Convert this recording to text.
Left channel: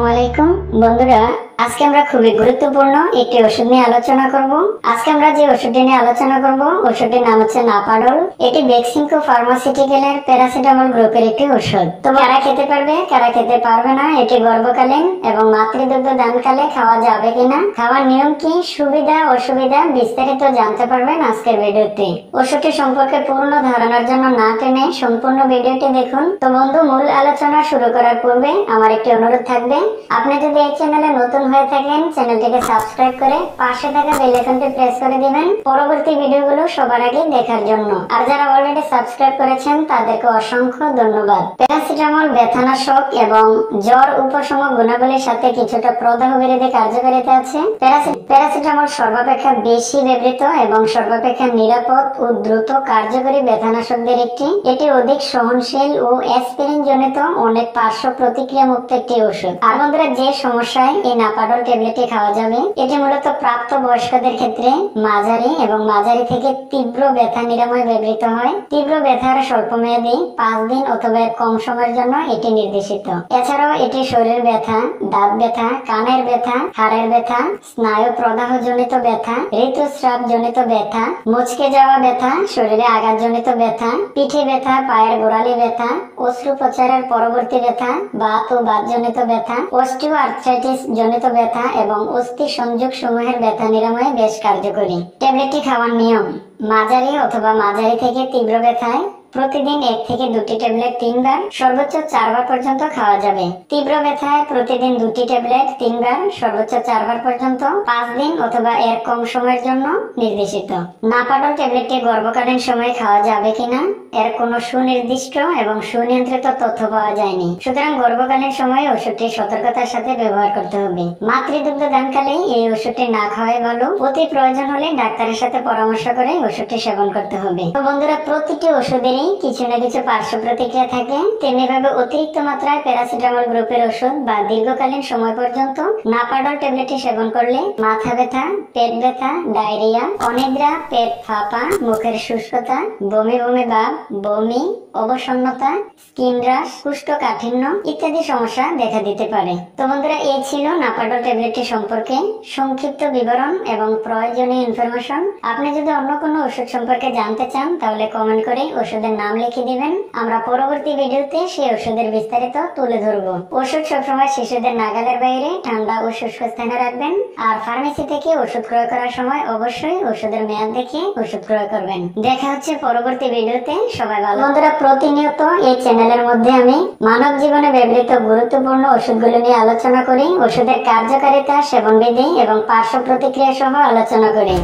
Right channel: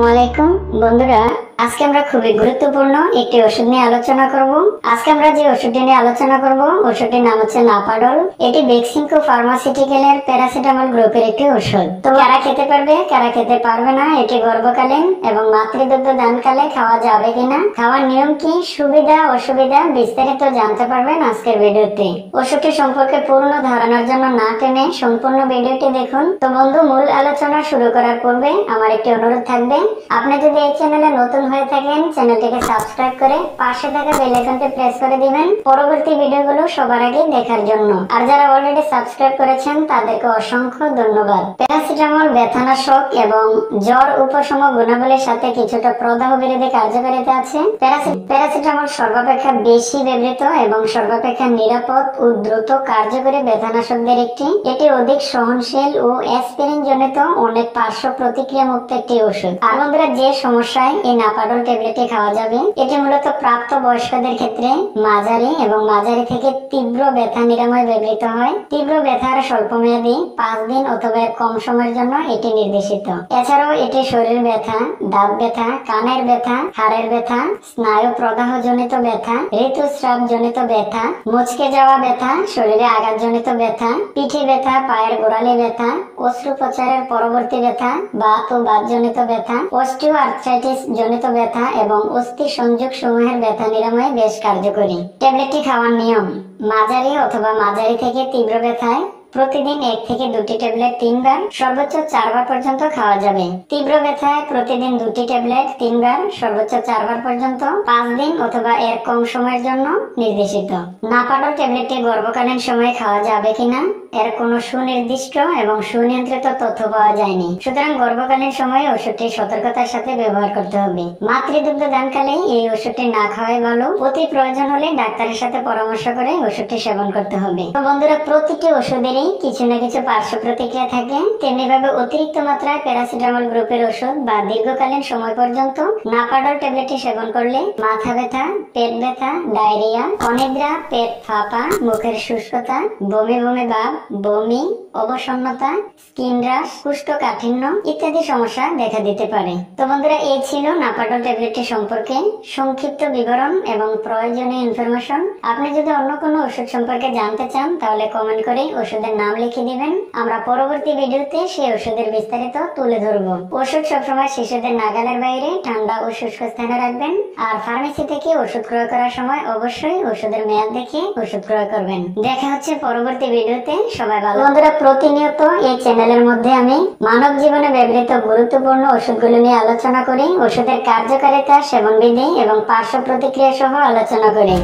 আসসালামু আলাইকুম বন্ধুরা, আজকে আমরা খুবই গুরুত্বপূর্ণ একটি ওষুধ নিয়ে আলোচনা করব। আজকে আমরা যে ওষুধটি নিয়ে আলোচনা করব ওষুধটির নাম হচ্ছে নাপাডল। এটি বেক্সিমকো ফার্মাসিউটিক্যালের প্যারাসিটামল গ্রুপের একটি ওষুধ। তো কারা খেতে পারবে, কারা খেতে পারবে না, এটি গর্ভকালীন এবং মাতৃদুগ্ধ দানকালে খাওয়া যাবে কিনা, খাওয়ার নিয়ম কি, সুবিধা অসুবিধা বিস্তারিত জানতে পারবেন আজকের ভিডিওতে। ওষুধটি সম্পর্কে পূর্ণ ধারণার জন্য না টেনে সম্পূর্ণ ভিডিওটি দেখুন। তো বন্ধু, মূল আলোচনা শুরু করার পূর্বে আমার একটি অনুরোধ থাকবে, আপনি যদি এই চ্যানেলে নতুন হয়ে থাকেন চ্যানেলটিকে সাবস্ক্রাইব করে পাশে থাকা বেল আইকনটি প্রেস করে দিবেন পরবর্তী ভিডিওগুলো সবার আগে দেখার জন্য। আর যারা অলরেডি সাবস্ক্রাইব করেছেন তাদেরকে অসংখ্য ধন্যবাদ। প্যারাসিটামল ব্যথানাশক এবং জ্বর উপশম গুণাবলীর সাথে কিছুটা প্রদাহ বিরোধী কার্যকারিতা আছে। প্যারাসিটামল সর্বাপেক্ষা বেশি ব্যবহৃত এবং সর্বাপেক্ষা নিরাপদ ও দ্রুত কার্যকরী ব্যথানাশকদের একটি। এটি অধিক সহনশীল ও অ্যাসপিরিন জনিত অনেক পার্শ্ব প্রতিক্রিয়া মুক্ত একটি ওষুধ। আর বন্ধুরা, যে সমস্যায় এই নাপাডল ট্যাবলেটটি খাওয়া যাবে, এটি মূলত প্রাপ্ত বয়স্কদের ক্ষেত্রে মাঝারি এবং মাঝারি থেকে তীব্র ব্যথা নিরাময় ব্যবহৃত হয়। তীব্র ব্যথার স্বল্পমেয়াদী 5 দিন অথবা এর কম সময়ের জন্য এটি নির্দেশিত। এছাড়াও এটি শরীর ব্যথা, দাঁত ব্যথা, কানের ব্যথা, হাড়ের ব্যথা, স্নায়ু প্রদাহ জনিত ব্যথা, ঋতুস্রাব জনিত ব্যথা, মুচকে যাওয়া ব্যথা, শরীরে আঘাতজনিত ব্যথা, পিঠে ব্যথা, পায়ের গোড়ালি ব্যথা, অস্ত্রোপচারের পরবর্তী ব্যথা, বাত ও বাতজনিত ব্যথা, অস্টিও আর্থ্রাইটিস জনিত ব্যথা এবং অস্থি সংযোগ সমূহের ব্যথা নিরাময়ে বেশ কার্যকরী। ট্যাবলেটটি খাওয়ার নিয়ম: মাঝারি অথবা মাঝারি থেকে তীব্র ব্যথায় প্রতিদিন 1 থেকে 2টি ট্যাবলেট 3 বার, সর্বোচ্চ 4 বার পর্যন্ত খাওয়া যাবে। তীব্র ব্যথায় প্রতিদিন 2টি ট্যাবলেট 3 বার, সর্বোচ্চ 4 বার পর্যন্ত 5 দিন অথবা এর কম সময়ের জন্য নির্দেশিত। নাপাডল ট্যাবলেটটি গর্ভকালীন সময়ে খাওয়া যাবে কিনা এর কোনো সুনির্দিষ্ট এবং সুনিয়ন্ত্রিত তথ্য পাওয়া যায়নি। সুতরাং গর্ভকালীন সময়ে ওষুধটি সতর্কতার সাথে ব্যবহার করতে হবে। মাতৃদুগ্ধ দানকালে এই ওষুধটি না খাওয়াই ভালো। অতি প্রয়োজন হলে ডাক্তারের সাথে পরামর্শ করে ওষুধটি সেবন করতে হবে। তো বন্ধুরা, প্রতিটি ওষুধেরই কিছু না কিছু পার্শ্ব প্রতিক্রিয়া থাকে। তেমনি ভাবে অতিরিক্ত মাত্রায় প্যারাসিটামল গ্রুপের ওষুধ বা দীর্ঘকালীন সময় পর্যন্ত নাপাডল ট্যাবলেটটি সেবন করলে মাথা ব্যথা, পেট ব্যথা, ডায়রিয়া, অনিদ্রা, পেট ফাঁপা, মুখের শুষ্কতা, বমি বমি ভাব, বমি, অবসন্নতা, স্কিন রাশ, কোষ্ঠকাঠিন্য ইত্যাদি সমস্যা দেখা দিতে পারে। তো বন্ধুরা, এই ছিল নাপাডল ট্যাবলেটটি সম্পর্কে সংক্ষিপ্ত বিবরণ এবং প্রয়োজনীয় ইনফরমেশন। আপনি যদি অন্য কোনো ওষুধ সম্পর্কে জানতে চান তাহলে কমেন্ট করে ওষুধের নাম লিখে দিবেন। আমরা পরবর্তী ভিডিওতে সেই ওষুধের বিস্তারিত তুলে ধরব। ওষুধ সবসময় শিশুদের নাগালের বাইরে ঠান্ডা ও শুষ্ক স্থানে রাখবেন। আর ফার্মেসি থেকে ওষুধ ক্রয় করার সময় অবশ্যই ওষুধের মেয়াদ দেখে ওষুধ ক্রয় করবেন। দেখা হচ্ছে পরবর্তী ভিডিওতে। সবাই ভালো। বন্ধুরা, প্রতিনিয়ত এই চ্যানেলের মধ্যে আমি মানব জীবনে ব্যবহৃত গুরুত্বপূর্ণ ওষুধগুলো নিয়ে আলোচনা করি, ওষুধের কার্যকারিতা, সেবনবিধি এবং পার্শ্ব প্রতিক্রিয়া সহ আলোচনা করি।